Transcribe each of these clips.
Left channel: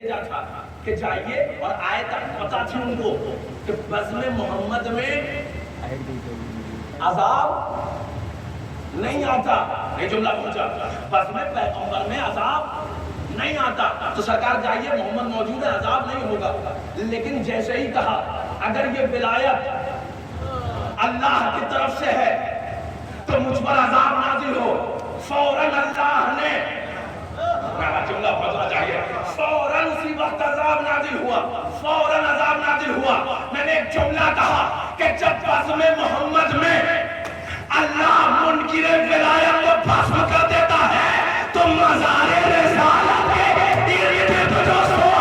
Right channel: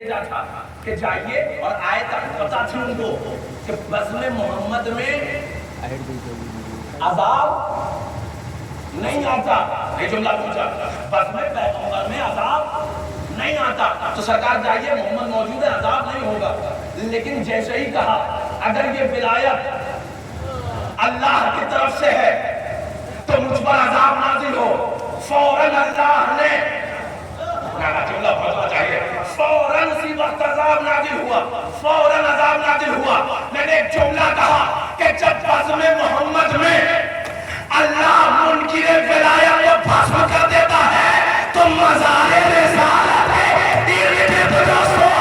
تھا کہ جائیے اور آیت پتا تھی ان کو کہ بزم محمد میں عذاب نہیں آتا. یہ جملہ پوچھا بزم پیغمبر میں عذاب نہیں آتا تو سرکار جائیے محمد موجود ہے عذاب نہیں ہوگا. لیکن جیسے ہی کہا اگر یہ ولایت اللہ کی طرف سے ہے تو مجھ پر عذاب نازل ہو. فوراً اللہ نے جملہ پڑھنا چاہیے فوراً اسی وقت عذاب نازل ہوا. فوراً عذاب نازل ہوا. میں نے ایک جملہ کہا کہ جب بزم محمد میں اللہ منکر ولایت کو بھسم کر دیتا ہے تو مزار رسالت ارد گرد جو سو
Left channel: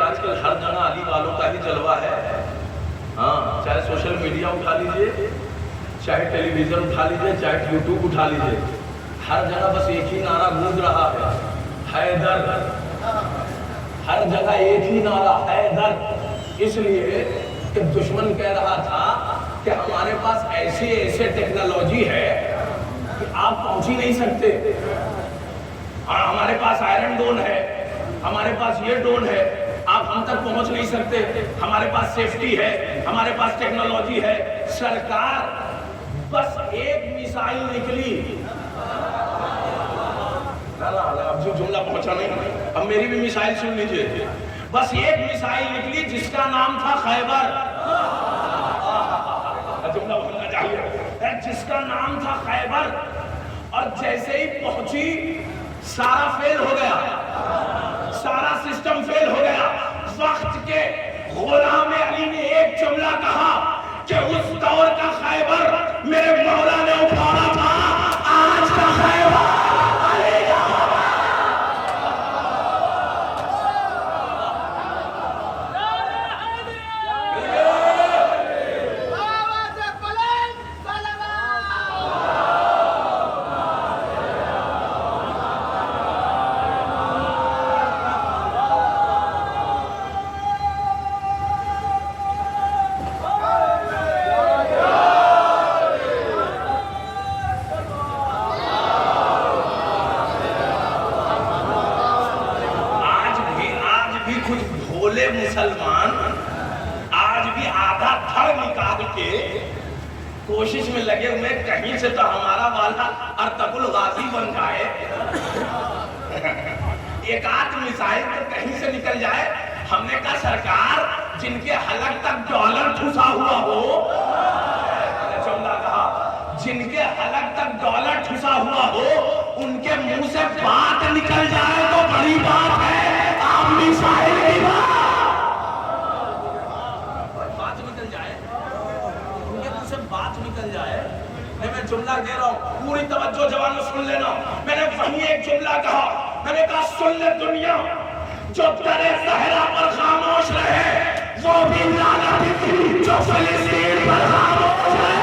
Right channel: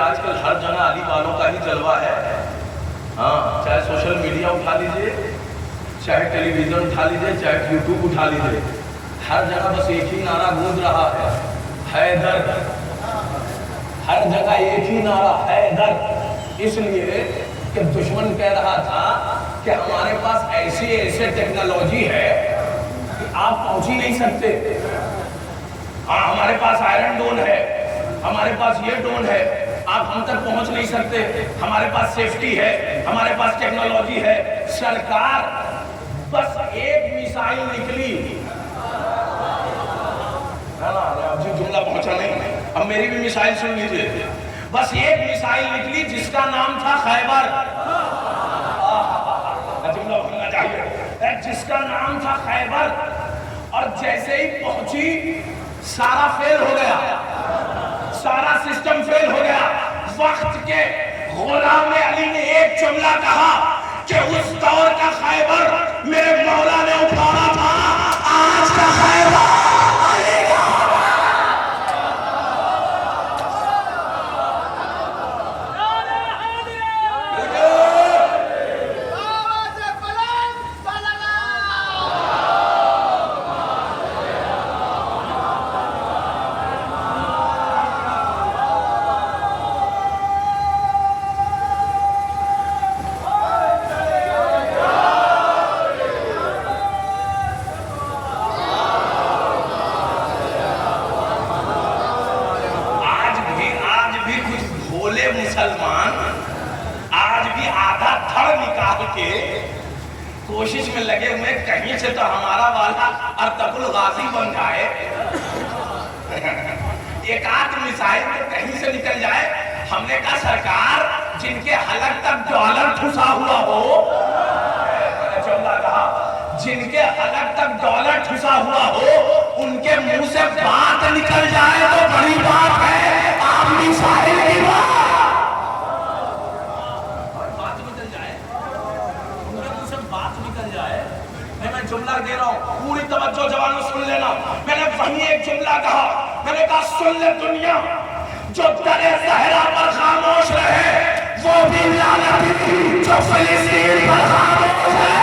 آج کل ہر جگہ علی والوں کا ہی جلوہ ہے. ہاں چاہے سوشل میڈیا اٹھا لیجئے, چاہے ٹیلی ویژن اٹھا لیجئے, چاہے یوٹیوب اٹھا لیجئے, ہر جگہ بس ایک ہی نعرہ گونج رہا ہے حیدر. ہر جگہ ایک ہی نعرہ حیدر. اس لیے کہ دشمن کہہ رہا تھا کہ ہمارے پاس ایسے ٹیکنالوجی ہے کہ آپ پہنچ ہی نہیں سکتے. ہمارے پاس آئرن ڈون ہے, ہمارے پاس یہ ڈون ہے, آپ ہم تک پہنچ نہیں سکتے. ہمارے پاس سیفٹی ہے, ہمارے پاس ٹیکنالوجی ہے. سرکار بس ایک میسائل نکلی, جو جملہ پہنچا نہیں, اب میری بھی میسائل سن لیجئے. بس ایک میسائل نکلی جس کا نام تھا خیبر. جملہ بولنا چاہیے, جس کا نام تھا خیبر. اور جیسے ہی پہنچی سارا فیل ہو گیا, سارا سسٹم فیل ہو گیا. وقت کے غلام علی نے ایک جملہ کہا کہ اس دور کا خیبر میرے مولا نے اٹھانا تھا, آج کا خیبر علی کا. مسلمان آج بھی آدھا دھڑ نکال کے کوشش میں لگے ہوئے کہیں سے تو ہمارا والا ارطغرل غازی بن جائے, ایک آدھ میسائل تو کہیں سے نکل جائے. ہم نے کہا سرکار جن کے حلق تک ڈالر ٹھسا ہوا ہو, جن کے حلق تک ڈالر ٹھسا ہوا ہو ان کے منہ سے بات نکل جائے تو بڑی بات ہے. آپ میسائل کی بات نکل جائے. میں جملہ دے رہا ہوں, پوری توجہ جوانوں سن لینا. میں نے وہیں ایک جملہ کہا, میں نے کہا سن لے دنیا, جو در صحرا پر خاموش رہے وہ بھی لعنت تھی, جو فلسطین پر خاموش ہے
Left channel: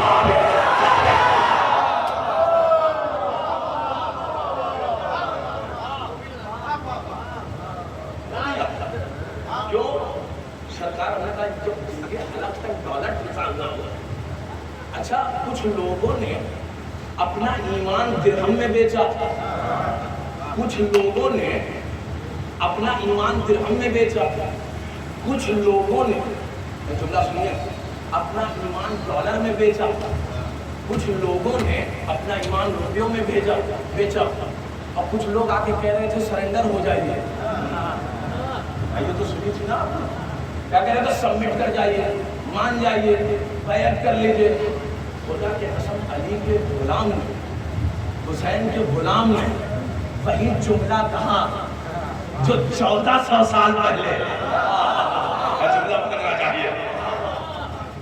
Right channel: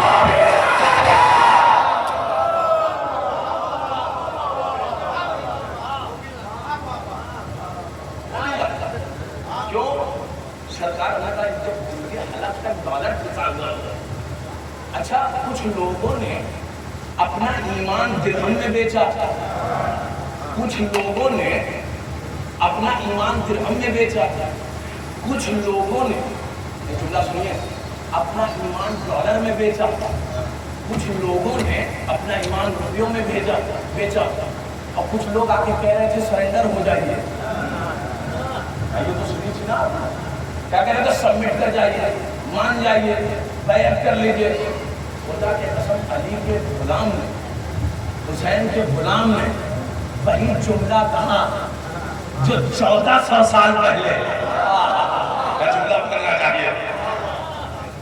وہ بھی لعنت ہے. کیوں سرکار نے کہا جب ان کے حلق تک ڈالر ٹھسا ہوا ہو. اچھا کچھ لوگوں نے اپنا ایمان درہم میں بیچا, کچھ لوگوں نے اپنا ایمان درہم میں بیچا, کچھ لوگوں نے جملہ سنیے اپنا ایمان ڈالر میں بیچا, کچھ لوگوں نے اپنا ایمان روپیوں میں بیچا, اور کچھ لوگ آ کے کہہ رہے تھے سرنڈر ہو جائیے. یہ تو سنی تھی نا, کیا کہہ رہے تھے سبمٹ کر جائیے, مان جائیے, بیعت کر لیجئے. خدا کے قسم علی کے غلام نے, حسین کے غلام نے وہی جملہ کہا جو 1400 سال پہلے, جملہ پڑھنا چاہیے,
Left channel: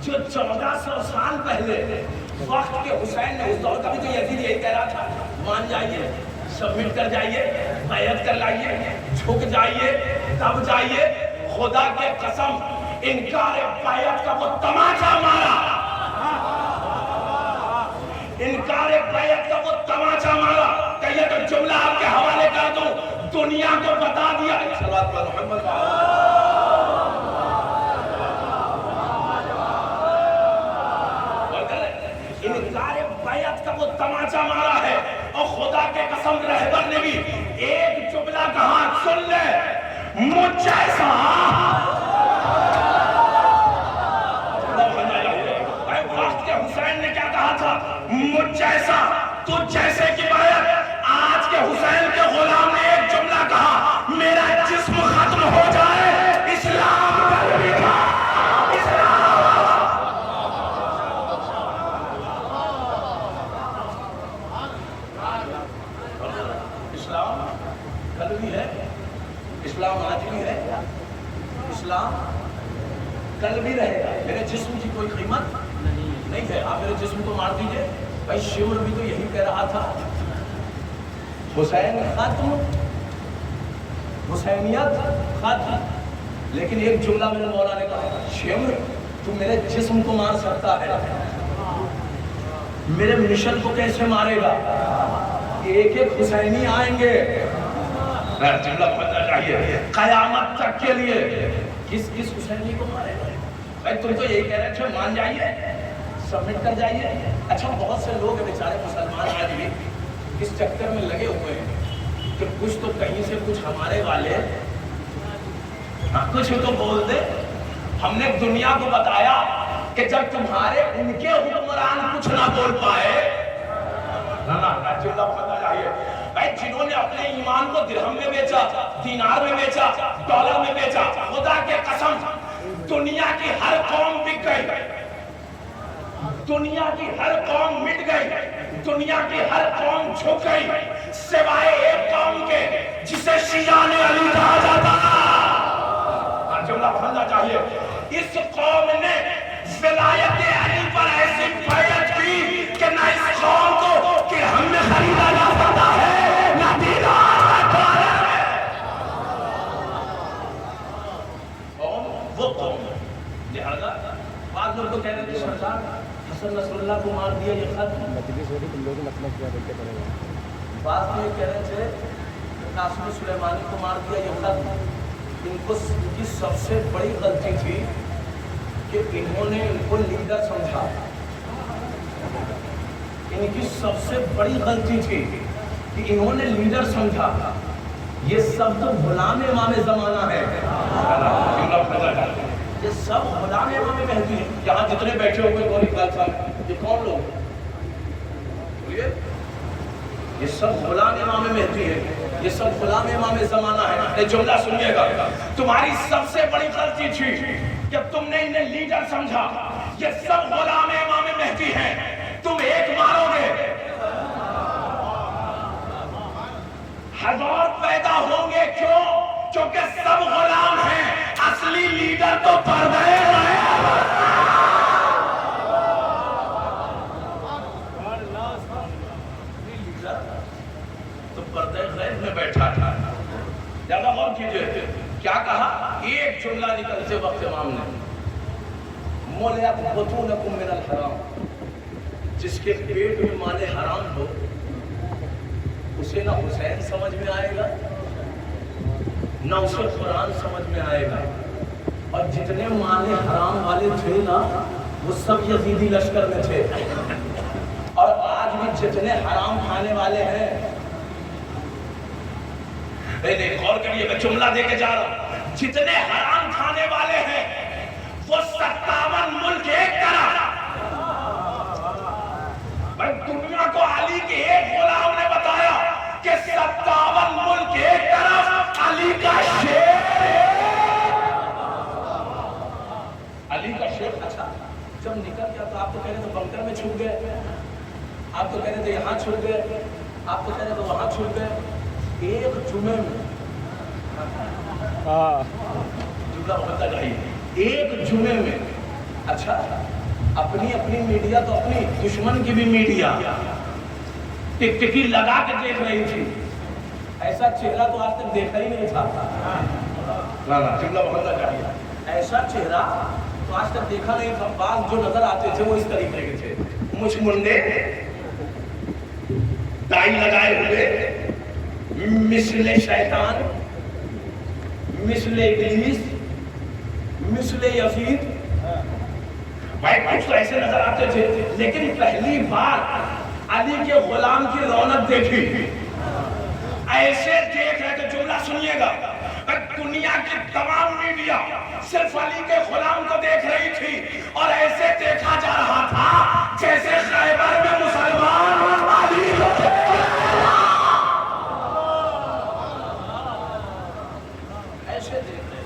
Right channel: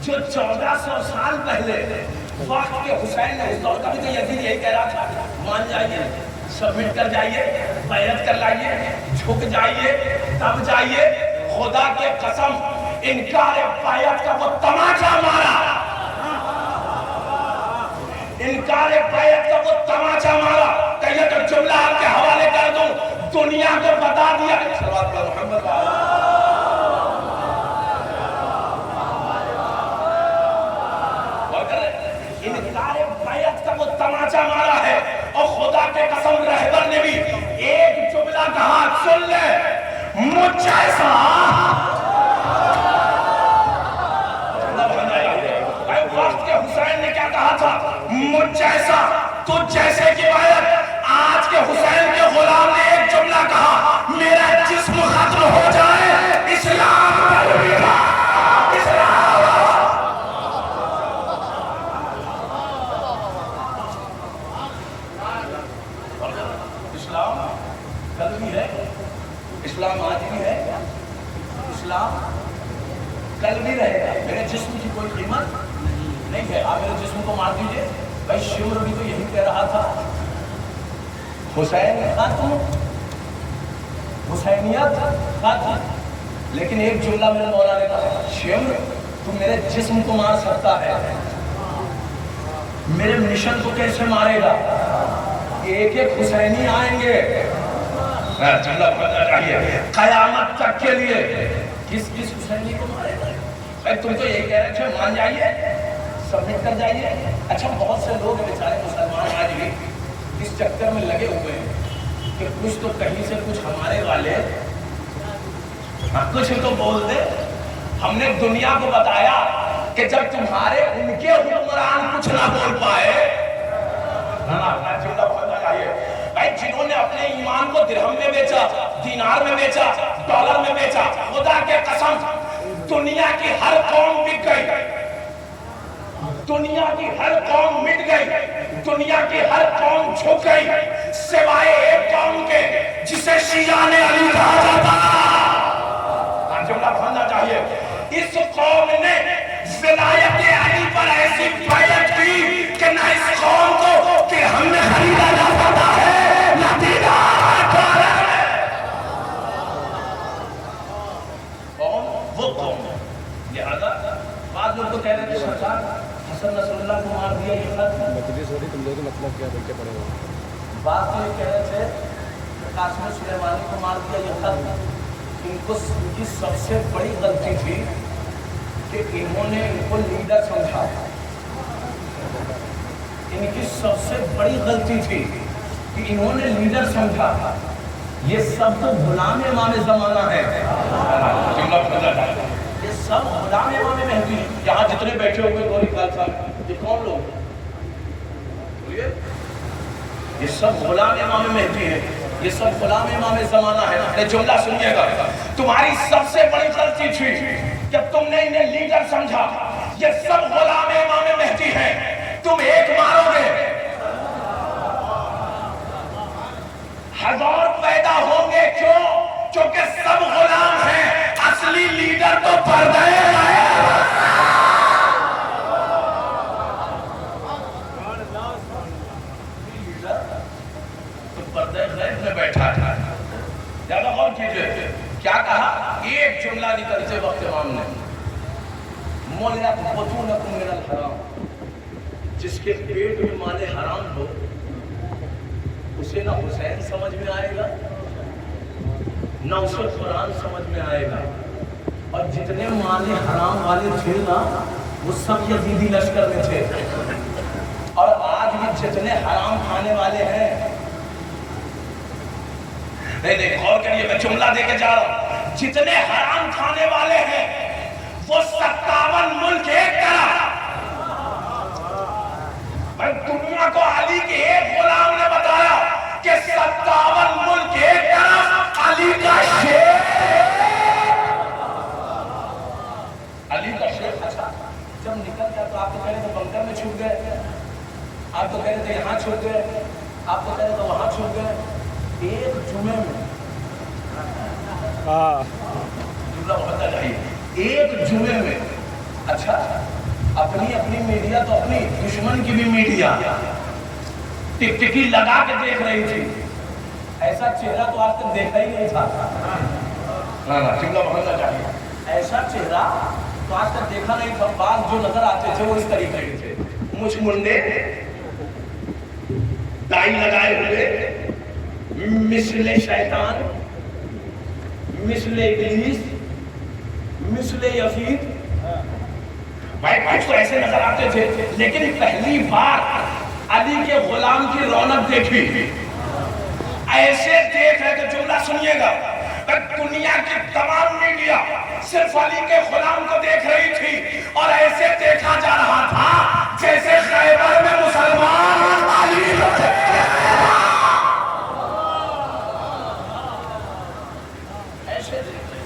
جو 1400 سال پہلے وقت کے حسین نے, اس دور کا بھی تو یزید یہی کہہ رہا تھا, مان جائیے, سبمٹ کر جائیے. بیعت کر لائیے, جھک جائیے, دب جائیے. خدا کے قسم انکار بیعت کا وہ تماچا مارا, انکار بیعت کا وہ تماچا مارا کہ یہ تو جملہ آپ کے حوالے کر دوں, دنیا کو بتا دیا. صلوات اللہ محمد انکار بیعت کا وہ تماچا مارا ہے. اور خدا کے قسم رہبر نے بھی ایک جملہ کہا, سن لے, مجھ جیسا. وقت کے حسین نے کیا کہا تھا, مجھ جیسا, تجھ جیسے کی بیعت. آج کے حسین کے غلام نے ایک جملہ کہا, میرا جسم ختم ہو جائے, اسلام کل بھی ہے, اسلام آج بھی ہے, اسلام کل بھی رہے گا. میرے جسم کی کوئی قیمت نہیں ہے. آپ میرے جسم کو مار دیجئے. بھائی شمر بھی تو یہی کہہ رہا تھا, حسین ختم, حسینیت ختم. لیکن ایک جملہ میرے مولا نے کہا, شمر تو میرے جسم کو مار سکتا ہے, میرے مشن کو کیسے مارے گا؟ ایک ایک حسینی آئیں گے, جملہ پتہ چاہیے قیامت تک کے لیے. کس کس حسینی کو مارے گا؟ بھائی تم تو یہی کہہ رہے تھے, مان جائیے, سبمٹ کر جائیے. اچھا بہت سے لوگ بیچارے مسلمان آج بھی اس چکر میں لگے ہوئے ہیں کہ کچھ تو کہیں سے کچھ ہمارے والے کچھ تو بول دے. ہم نے دنیا کو بتایا کہ جب تمہارے ان کے حکمران کچھ نہ بول پائے, جنہوں نے اپنے ایمان کو درہم میں بیچا, دینار میں بیچا, ڈالر میں بیچا, خدا کے قسم دنیا کی ہر قوم بک گئی, دنیا کی ہر قوم مٹ گئی, دنیا کی ہر قوم جھک گئی, سوائے ایک قوم کے جسے شیعان علی کہا جاتا. جملہ پڑھنا چاہیے. اس قوم نے ولایت علی پر ایسی بیعت کی کہ نہ اس قوم کو کہ ہم نے خریدا جا سکتا ہے, نہ دینار ہے. قوم وہ قوم ہے. لہذا بعض لوگ تو کہہ رہے تھے سرکار حسن نصر اللہ کو مار دیا, یہ خط تم لوگ مطلب کیا دیکھ کے پڑے گا. بعض تو یہ کہہ رہے تھے قاسم سلیمانی کو مار دیا, یہ خط. ان کی سب سے بڑی غلطی تھی کہ انہوں نے ان کو لیڈر سمجھا. ان کی سب سے بڑی غلطی تھی کہ انہوں نے لیڈر سمجھا. یہ سب تو غلام امام زمانہ ہے, یہ سب غلام امام مہدی. یہاں جتنے بیٹھے ہوئے گوری خالصہ یہ کون لوگ, یہ سب غلام امام مہدی ہے, یہ سب غلام امام زمانہ ہے. یہ جملہ سنیے گا, تمہاری سب سے بڑی غلطی تھی کہ تم نے انہیں لیڈر سمجھا. یہ سب غلام امام مہدی ہیں, تم ایک مارو گے, ہزار پیدا ہوں گے. کیوں؟ کیونکہ سب غلام ہیں, اصلی لیڈر تو پردے ہے. پردے غیب میں بیٹھا تھا. زیادہ غور کیجئے کیا کہا. ایک جملہ نکلتے وقت امام نے, مولیات بطونکم من الحرام, جس کے پیٹ میں مال حرام ہو اسے نہ حسین سمجھ میں آئے گا نہ اسے قرآن سمجھ میں آئے گا. اور جتنے مال حرام والے تھے نا وہ سب یزیدی لشکر میں تھے. اور آج بھی جتنے حرام کھانے والے ہیں, نہیں غور کریے میں جملہ دے کے جا رہا ہوں, جتنے حرام کھانے والے ہیں وہ 57 ملک ایک طرح. بھائی دنیا کو علی کے ایک غلام نے بتایا کہ 57 ملک ایک طرف, علی کا شیر, علی کا شیر. اچھا جب نکل گیا تو آپ تو کہہ رہے تھے بنکر میں چھوٹ گئے, آپ تو کہہ رہے تھے یہاں چھوٹ گئے, آپ تو کہہ رہے تھے وہاں چھوٹ گئے. ایک جمعے میں جملہ بتا جائیے, ایک جمعے میں. اچھا اپنی اپنی میڈیا تو اپنی دشمن کی بھی میڈیا ٹک ٹکی لگا کے دیکھ رہی تھی. ایسا چہرہ تو آج تک دیکھا ہی نہیں تھا. بولنا چاہیے ایسا چہرہ تو آج تک دیکھا نہیں تھا. بعض جو نظر آتے تھے وہ اس طریقے کے تھے, مجھ منڈے, ٹائی لگائے ہوئے, مثل شیطان, مثل ابلیس, مثل یزید. بھائی کچھ تو ایسے نظر آتے تھے. لیکن پہلی بار علی کے غلام کی رونق دیکھی, ایسے دیکھ رہے تھے. جملہ سنیے گا, دنیا کی تمام میڈیا صرف علی کے غلام کو دیکھ رہی تھی اور ایسے دیکھا جا رہا تھا جیسے خیبر میں مسلمان علی کو دیکھ رہے ہیں. ایسے دیکھ رہے.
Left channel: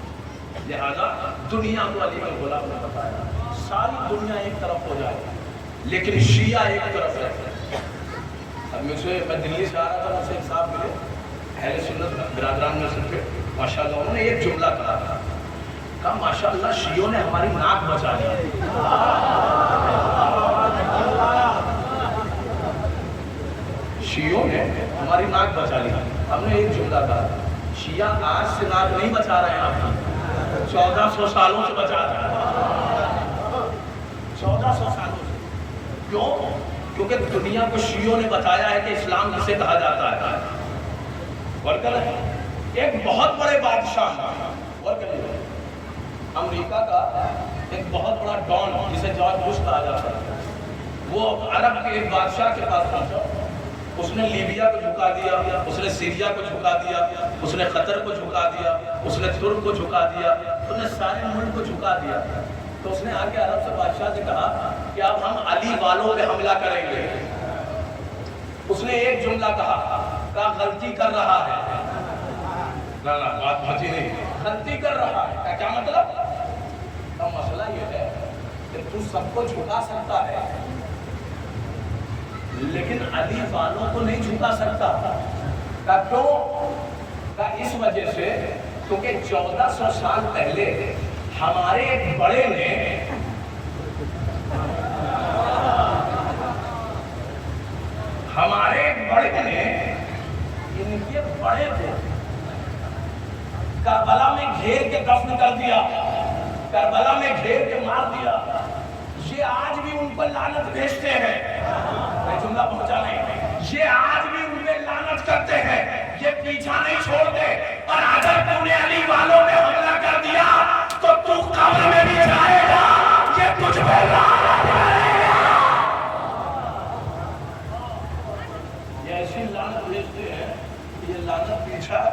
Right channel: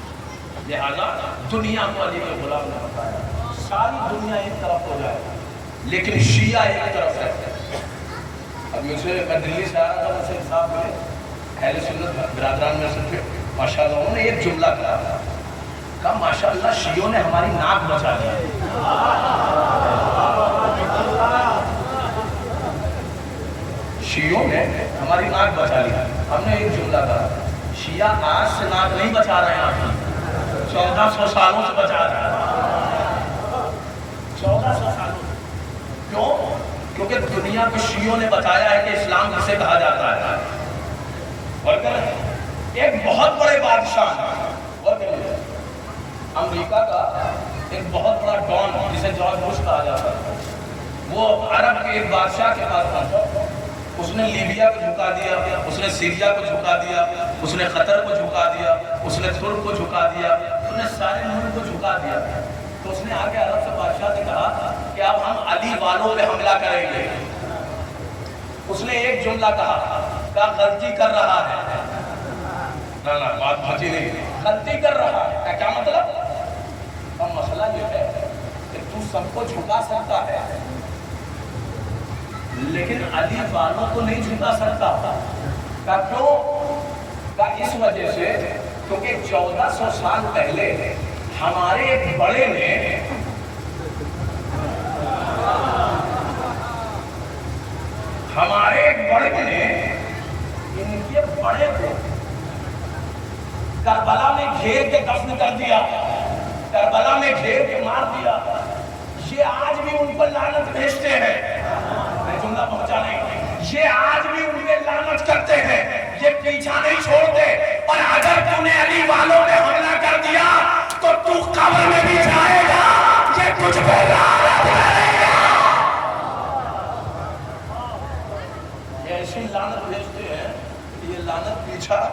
لہذا دنیا کو علی کے غلام نے بتایا, ساری دنیا ایک طرف ہو جائے لیکن شیعہ ایک طرف ہے. اب مجھے, میں دلی سے آ رہا تھا, مجھے ایک صاحب ملے اہل سنت برادران میں سے تھے. ماشاءاللہ انہوں نے ایک جملہ کہا ماشاءاللہ شیعوں نے ہماری ناک بچا لی. شیعوں نے ہماری ناک بچا لی. ہم نے ایک جملہ کہا, شیعہ آج سے ناک نہیں بچا رہے ہیں آپ کی, 1400 سالوں سے بچا رہے ہیں. 1400 سالوں سے. کیوں؟ کیونکہ دنیا کے شیعوں نے بتایا ہے کہ اسلام کسے کہا جاتا ہے. ایک بہت بڑے بادشاہ امریکہ کا ایک بہت بڑا ڈان جسے جارج بش کہا جاتا ہے, وہ عرب کے ایک بادشاہ کے پاس پہنچا. اس نے لیبیا کو جھکا دیا, اس نے سیریا کو جھکا دیا, اس نے قطر کو جھکا دیا, اس نے ترک کو جھکا دیا, اس نے سارے ملک کو جھکا دیا. تو اس نے آ کے عرب سے بادشاہ سے کہا کہ اب ہم علی والوں پہ حملہ کریں گے. اس نے ایک جملہ کہا غلطی کر رہا ہے. بات پہنچی نہیں, غلطی کر رہا ہے. کیا مطلب؟ کا مسئلہ یہ ہے کہ تو سب کو جھکا سکتا ہے لیکن علی والوں کو نہیں جھکا سکتا. کیوں؟ اس وجہ سے کیونکہ 1400 سال پہلے ہمارے ایک بڑے نے ان کے بڑے کو کربلا میں گھیر کے دفن کر دیا, کربلا میں گھیر کے مار دیا. یہ آج بھی ان پر لعنت بھیجتے ہیں. جملہ پہنچا نہیں, یہ آج بھی ان پہ لعنت کرتے ہیں, یہ پیچھا نہیں چھوڑتے. اور اگر تم نے علی والوں میں حملہ کر دیا تو تو قبر میں بھی جائے گا, یہ کچھ پہ لعنت کرے گا. یہ ایسی لعنت بھیجتے ہیں کہ یہ لعنت پیچھا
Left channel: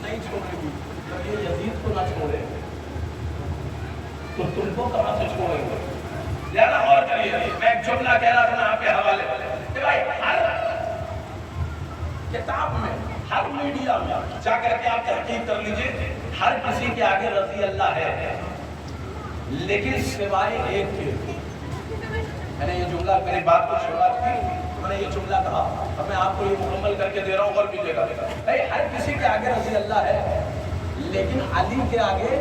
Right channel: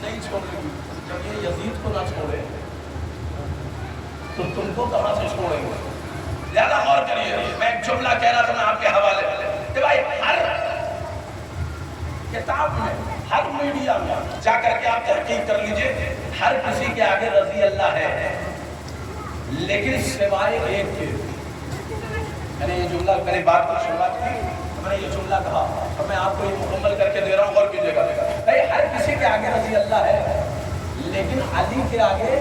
نہیں چھوڑے گی. جب یہ یزید کو نہ چھوڑے تو تم کو کہاں سے چھوڑیں گے؟ زیادہ غور کریے. میں ایک جملہ کہہ رہا تھا, میں آپ کے حوالے کہ بھائی ہر کتاب میں, ہر میڈیا میں جا کر کے آپ تحقیق کر لیجئے, ہر کسی کے آگے رضی اللہ ہے لیکن سوائے ایک کے. میں نے یہ جملہ, میری بات کو سنا چکی, میں نے یہ جملہ کہا, اب میں آپ کو یہ مکمل کر کے دے رہا ہوں, غور کیجیے گا. بھائی ہر کسی کے آگے رضی اللہ ہے لیکن علی کے آگے,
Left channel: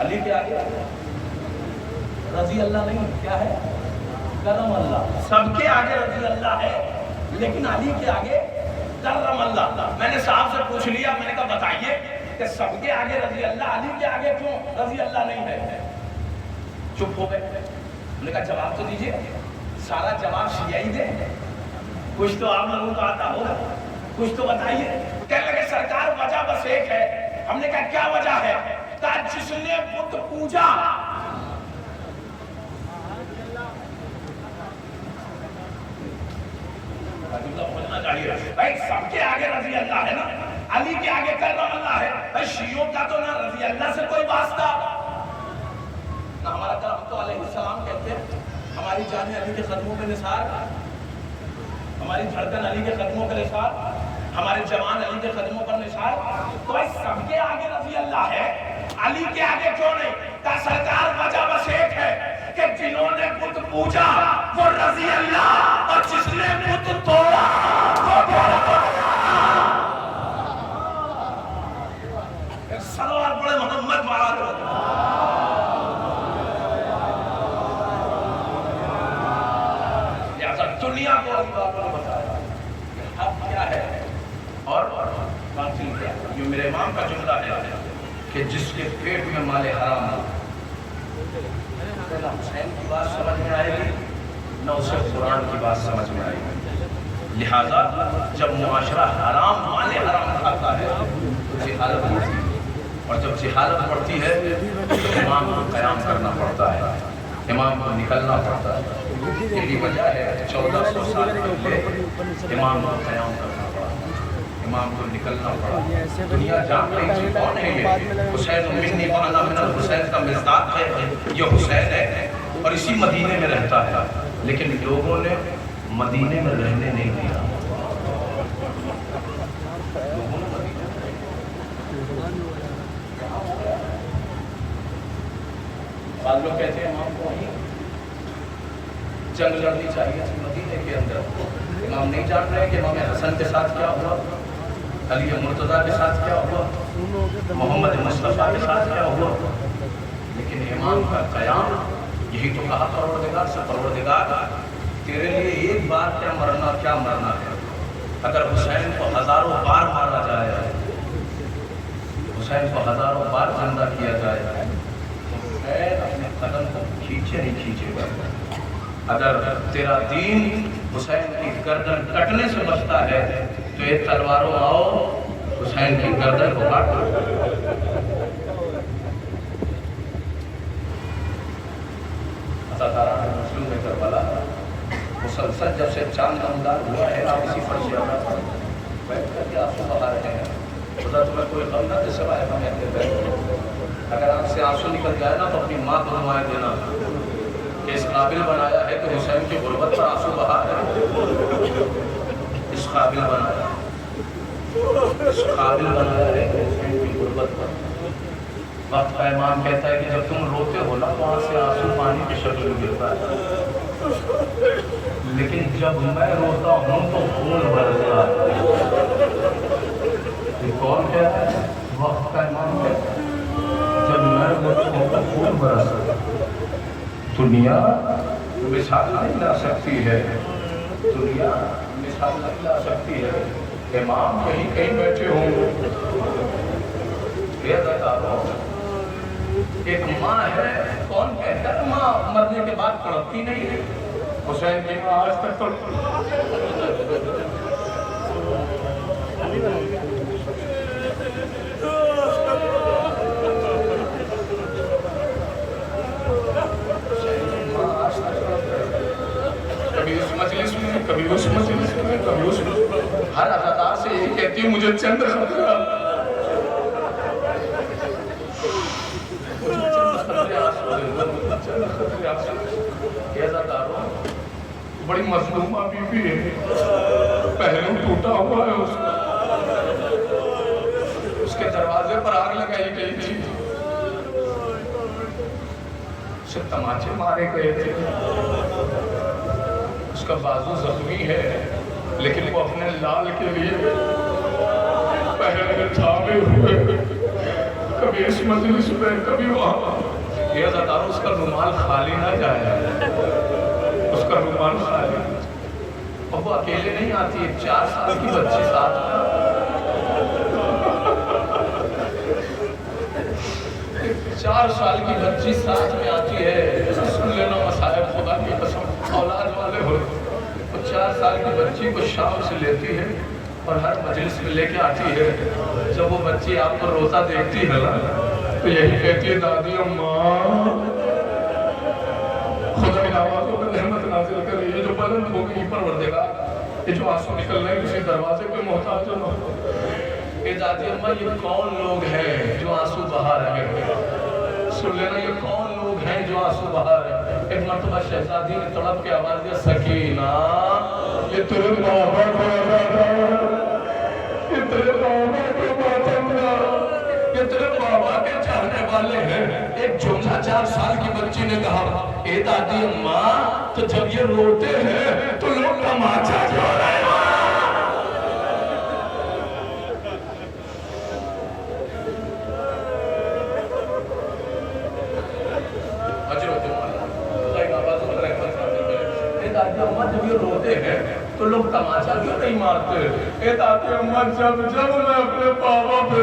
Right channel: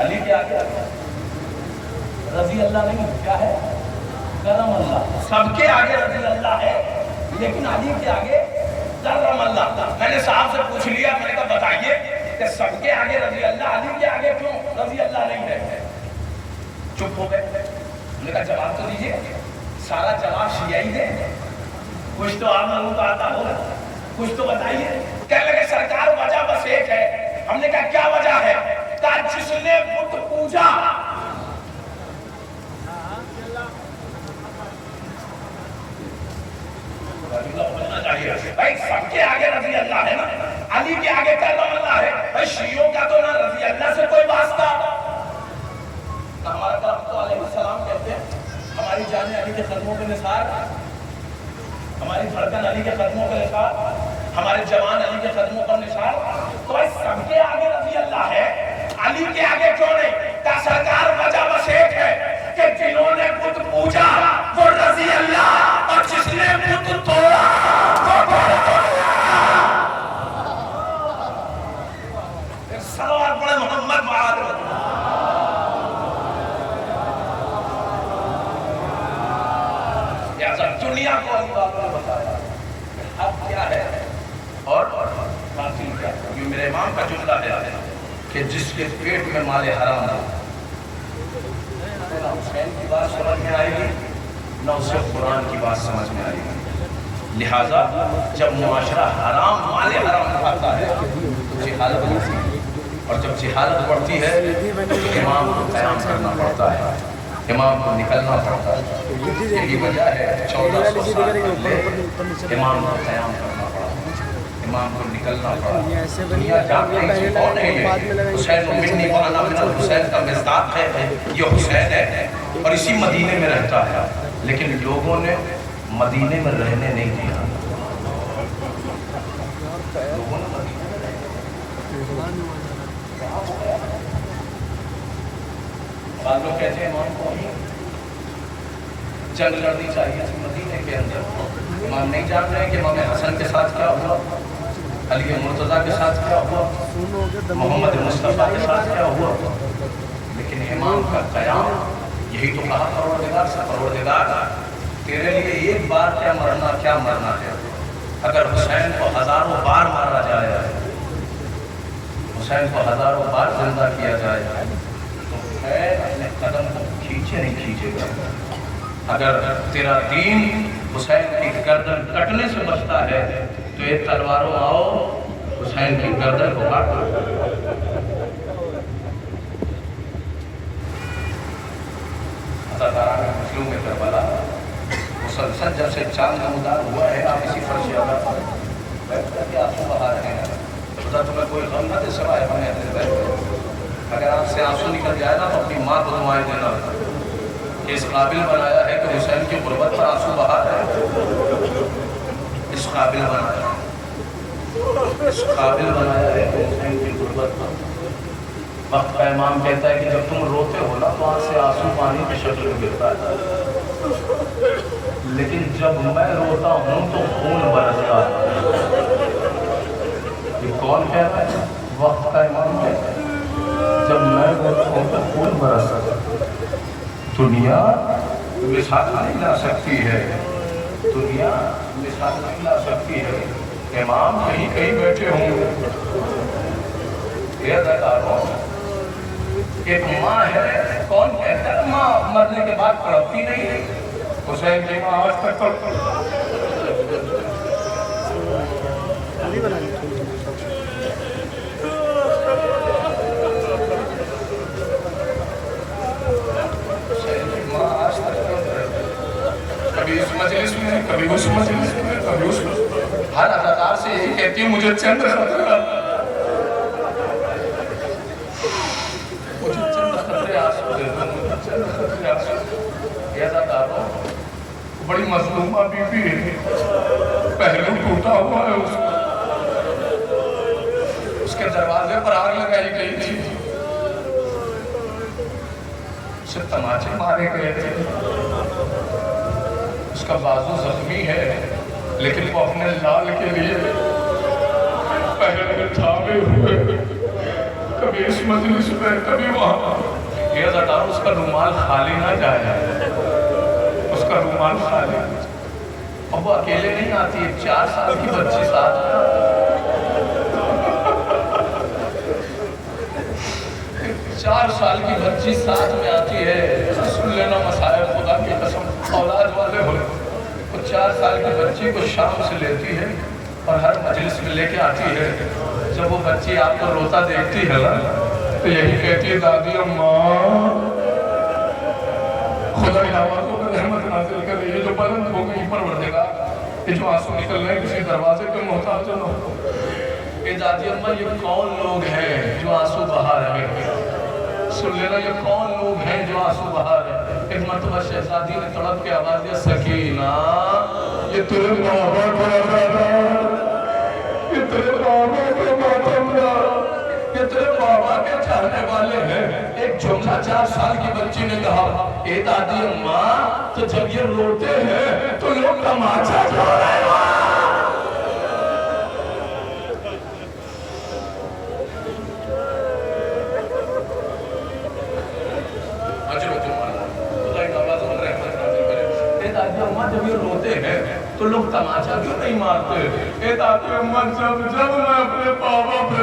علی کے آگے رضی اللہ نہیں. کیا ہے؟ کرم اللہ. سب کے آگے رضی اللہ ہے لیکن علی کے آگے کرم اللہ. میں نے صاحب سے پوچھ لیا, میں نے کہا بتائیے کہ سب کے آگے رضی اللہ, علی کے آگے کیوں رضی اللہ نہیں ہے؟ چپ ہو گئے. میں نے کہا جواب تو دیجیے. سارا جواب شیعہ ہی دے, کچھ تو آپ لوگوں کو آتا ہوگا, کچھ تو بتائیے. کہنے لگے سرکار وجہ بس ایک ہے. ہم نے کہا کیا وجہ ہے؟ کہا جس نے بت پوجا, بھائی سب کے آگے رضی اللہ ہے نا, علی کے آگے کرم اللہ ہے. بھائی شیعوں کا تو نہ رضی اللہ سے کوئی واسطہ. ہمارا تو علیہ السلام کہتے ہیں ہماری جانیں علی کے قدموں پہ نثار, ہماری دھڑکن علی کے قدموں پہ نثار, ہمارے جوان علی کے قدموں پر نثار. تو بھائی سب کے آگے رضی اللہ ہے, علی کے آگے کیوں نہیں؟ کا سرکار وجہ بس ایک ہے کہ جنہوں نے بت پوجا وہ رضی اللہ, اور جس نے بت توڑا سلوات پڑھے محمد معاذ. دنیا کو یہ میرے امام کا جملہ ہے کہ جس کے پیٹ میں مال حرام ہو، نہ حسین کی بات سمجھ میں آئے گی نہ اسے قرآن کی بات سمجھ میں آئے گی۔ لہٰذا جب معاشرہ حرام مال حرام کھاتا ہے تو جہالت بڑھتی ہے، اور جب جہالت بڑھتی ہے تو امام کو قیام کرنا پڑتا ہے، امام کو نکلنا پڑتا ہے۔ یہی وجہ ہے 1400 سال پہلے امام کو قیام کرنا پڑا، امام کو نکلنا پڑا۔ دنیا جان رہی تھی کون ہے یہ؟ حسین منی وانا من الحسین کا مصداق ہے، یہ حسین ہے اور اسی مدینے میں رہتا ہے، لیکن لوگوں نے مدینے میں رہنے نہیں دیا۔ لوگ کہتے ہیں امام کو جنگ لڑنی چاہیے تھی مدینے کے اندر۔ امام نہیں جان رہے کہ امام حسن کے ساتھ کیا ہوا، علی مرتضیٰ کے ساتھ کیا ہوا، محمد مصطفیٰ کے ساتھ کیا ہوا، لیکن امام کا قیام یہی تو کہا پروردگار سے، پروردگار تیرے لیے ایک بار کیا مرنا ہے۔ اگر حسین کو ہزاروں بار مارا جائے، حسین کو ہزاروں بار زندہ کیا جائے تو خیر اپنے قدم کو کھینچے نہیں کھینچے گا۔ اگر تیرا دین حسین کی گردن کٹنے سے بچتا ہے تو ایک تلواروں آؤ حسین کی گردن کو کاٹو۔ اداکارہ مسلم میں کربلا مسلسل جب سے چاند نمودار ہوا ہے آپ اسی پر سے بیٹھ کر کے آنسو بہا رہے ہیں۔ خدا تمہیں کوئی غم نہ دے سوائے ہمیں۔ اگر آپ سے آنسو نکل جائے نا تو اپنی ماں کو نمائے دینا کہ اس قابل بنایا ہے کہ حسین کی غربت پر آنسو بہا ہے، اس قابل بنایا ہے، اس قابل بنایا ہے کہ حسین کی غربت پر۔ وقت کا امام کہتا ہے کہ جب تم روتے ہو نا تو وہاں سے آنسو پانی کی شکل میں گرتا ہے، لیکن جب میں روتا ہوں تو خون برستا ہے۔ یہ کون کہہ رہا ہے؟ وقت کا امام کہتا ہے جب میں روتا ہوں تو خون برستا ہے۔ دنیا مثال نہیں لا سکتی ہے، دنیا مثال نہیں لا سکتی ہے۔ امام کہیں بیٹھے ہوں، ایک ماں ہے، کون کہتا ہے ماں مرنے کے بعد تڑپتی نہیں ہے؟ حسین کی ماں آج تک کبھی اس مجلس میں، کبھی اس مجلس میں، کبھی اس ہر اداکار سے یہی کہتی ہے مجھے چند خطرہ، مجھے چند خطرے آنسو دے دو، چند خطرے آنسو دے دو۔ یہ اداکاروں بڑی مظلومہ بی بی ہے، پہلو ٹوٹا ہوا ہے اس کے دروازے پر آگ لگائی گئی تھی، اسے تماچے مارے گئے تھے، اس کا بازو زخمی ہے، لیکن وہ اپنے لال کے لیے پہلے چھاپے ہوئے، کبھی اس مجلس میں کبھی وہاں۔ یہ اداکار اس کا رومال خالی نہ جائے، اس کا رومال خالی، اور وہ اکیلے نہیں آتی، ایک 4 سال کی بچی ساتھ میں، 4 سال کی بچی ساتھ میں آتی ہے۔ سن لینا مسائل خدا کی قسم، اولاد والے ہو تو 4 سال کی بچی کو شام سے لیتی ہے اور ہر مجلس میں لے کے آتی ہے۔ جب وہ بچی آپ کو روتا دیکھتی ہے نا تو یہی کہتی ہے دادی اماں خدا کی آوازوں پر رحمت نازل کرے، یہ جو بلند ہو گئی پروردگار، یہ جو آنسو نکل رہے ہیں کسی دروازے کے محتاج نہ ہو۔ اے دادی اماں یہ کون لوگ ہیں جو آنسو بہا رہے ہیں؟ سن لینا یہ کون لوگ ہیں جو آنسو بہا رہے ہیں؟ ایک مرتبہ شہزادی نے تڑپ کے آواز دیا سکینہ، یہ تیرے بابا کا آدھار، یہ تیرے بابا کے باتمنا، یہ تیرے بابا کے چاہنے والے ہیں۔ ایک جملہ 4 سال کی بچی نے کہا اے دادی اماں تو جب یہ روتے ہیں تو لوگ تماچا چھوڑ رہے ہیں۔ جب یہ روتے ہیں تو لوگ تماشا کیوں نہیں مارتے؟ اے دادی اماں جب میں اپنے بابا پہ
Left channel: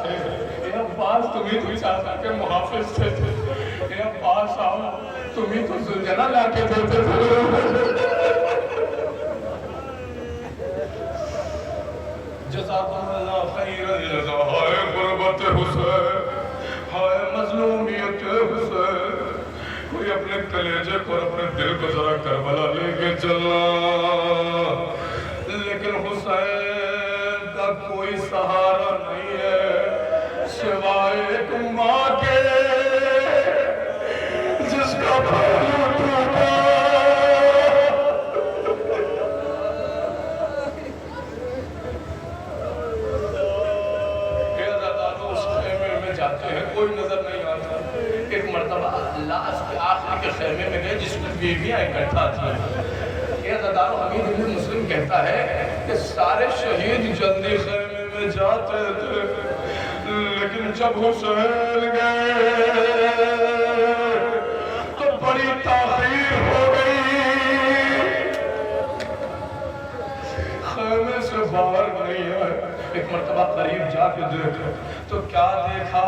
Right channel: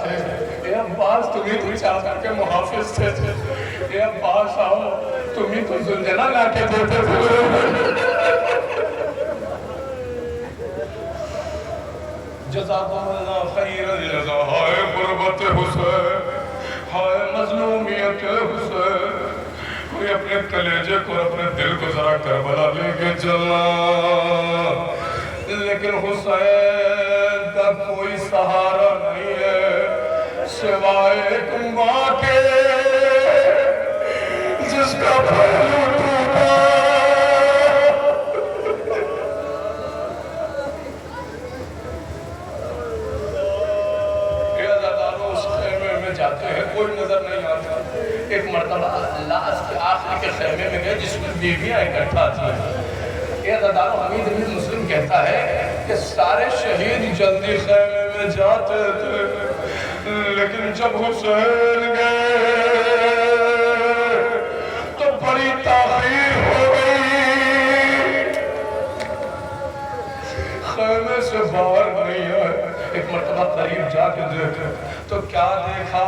تھے. اے عباس تمہیں تو چادر کے محافظ تھے. اے عباس آؤ, تمہیں تو زلجلہ لا کے دیتے تھے. جزاکم اللہ خیر الجزا. ہائے غربت حسین, ہائے مظلومیت حسین, کوئی اپنے کلیجے کو اپنے دل کو ذرا کربلا لے کے چلا. لیکن حسین کا کوئی سہارا نہیں ہے سوائے ایک ماں کے جس کا پہلو ٹوٹا. کوئی نظر نہیں آتا. ایک مرتبہ لاش کے آخری کے خیمے میں گئے جس میں بیویاں اکٹھا تھیں. یہ عزادارو حمید بن مسلم کہتا ہے کہ سارے شہید جلدی خیمے میں جاتے تھے, لیکن جب حسین گئے تو بڑی تاخیر ہو گئی. خیمے سے باہر نہیں آئے. ایک مرتبہ قریب جا کے دیکھا تو کیا دیکھا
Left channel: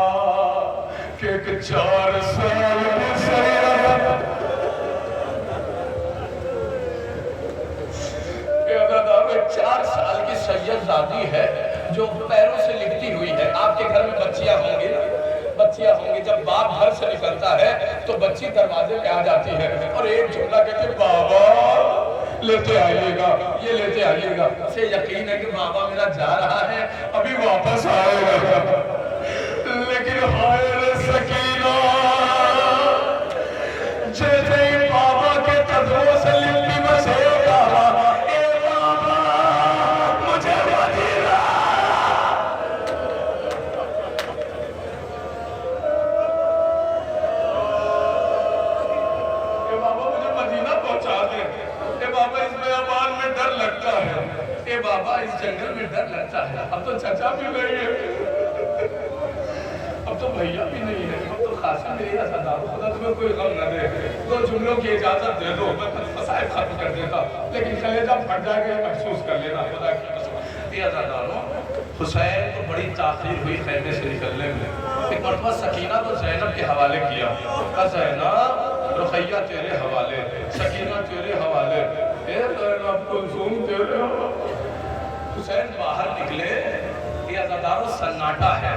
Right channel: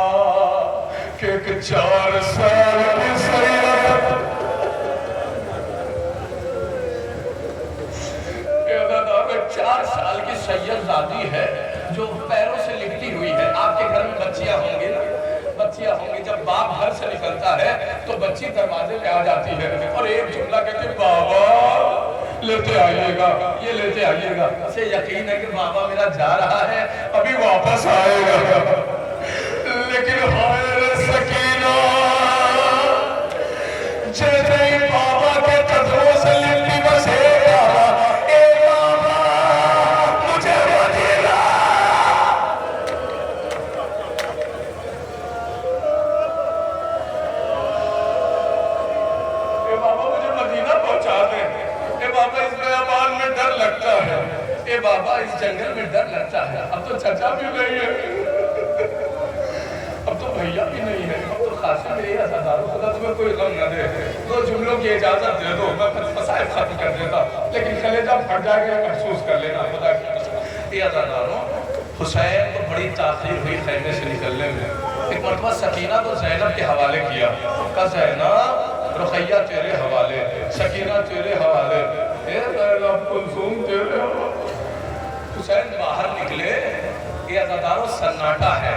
کہ ایک 4 سال کی سیدہ, ایک 4 سال کی سیدزادی ہے جو پیروں سے لپٹی ہوئی ہے. آپ کے گھر میں بچیاں ہوں گی نا, بچیاں ہوں گی. جب باپ گھر سے نکلتا ہے تو بچی دروازے پہ آ جاتی ہے اور ایک جملہ کہتے بابا لیتے آئیے گا, یہ لیتے آئیے گا. اسے یقین ہے کہ بابا میرا جا رہا ہے, ابھی واپس آئے گا. لیکن ہائے سکینہ, جیسے ہی بابا کے قدموں سے لپٹی بس ایک آواز, اے بابا مجھے مدینہ. اے بابا مجھے مدینہ پہنچا دے. اے بابا اس بیابان میں ڈر لگتا ہے. اے بابا اس جنگل میں ڈر لگتا ہے. اب تو چچا بھی نہیں ہے, اب تو بھیا بھی نہیں ہے, اب تو خاصی میری عزادارو خدا تمہیں کوئی غم نہ دے. 2 جملوں کی اجازت دے دو, میں مسائل ختم کر دیتا, لیکن کلیجہ پھٹ جائے گا محسوس کر لینا خدا کی قسم. اے عزادارو, حسین کو بڑی تاخیر ہوئی خیمے سے نکلنے میں. ایک مرتبہ سکینہ تو زینب کے حوالے کیا, کہا زینب رقیہ تیرے حوالے, سکینہ تیرے حوالے, اے زینب کلثوم تیرے حوالے. حسین باہر نکلے, یہ عزادارو سناٹا ہے,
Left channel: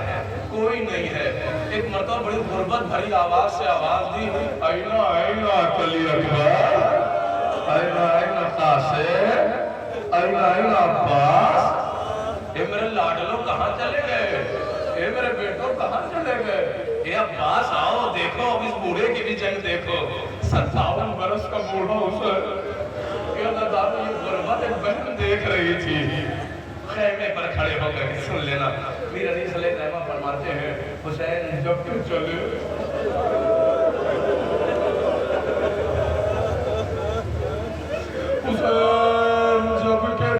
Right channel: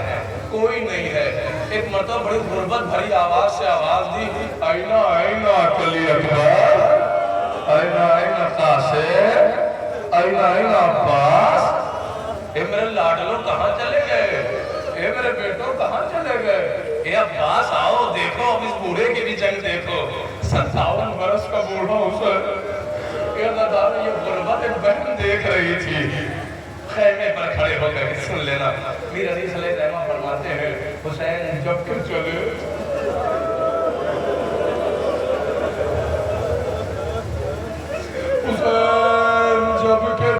کوئی نہیں ہے. ایک مرتبہ بڑی غربت بھری آواز سے آواز دی, آئینہ آئینہ علی اکبر, آئینہ آئینہ قاسم, آئینہ آئینہ عباس. اے میرے لاڈلوں کہاں چلے گئے, اے میرے بیٹوں کہاں چلے گئے. اے عباس آؤ دیکھو, اب اس بوڑھے کی بھی جنگ دیکھو. 57 برس کا بوڑھا حسین. اے عزادارو یہ غربت ایک بہن دیکھ رہی تھی. خیمے پر کھڑے ہو گئے. سن لینا, میر علی صلی اللہ علیہ وسلم فرماتے ہیں حسین جب تم چلے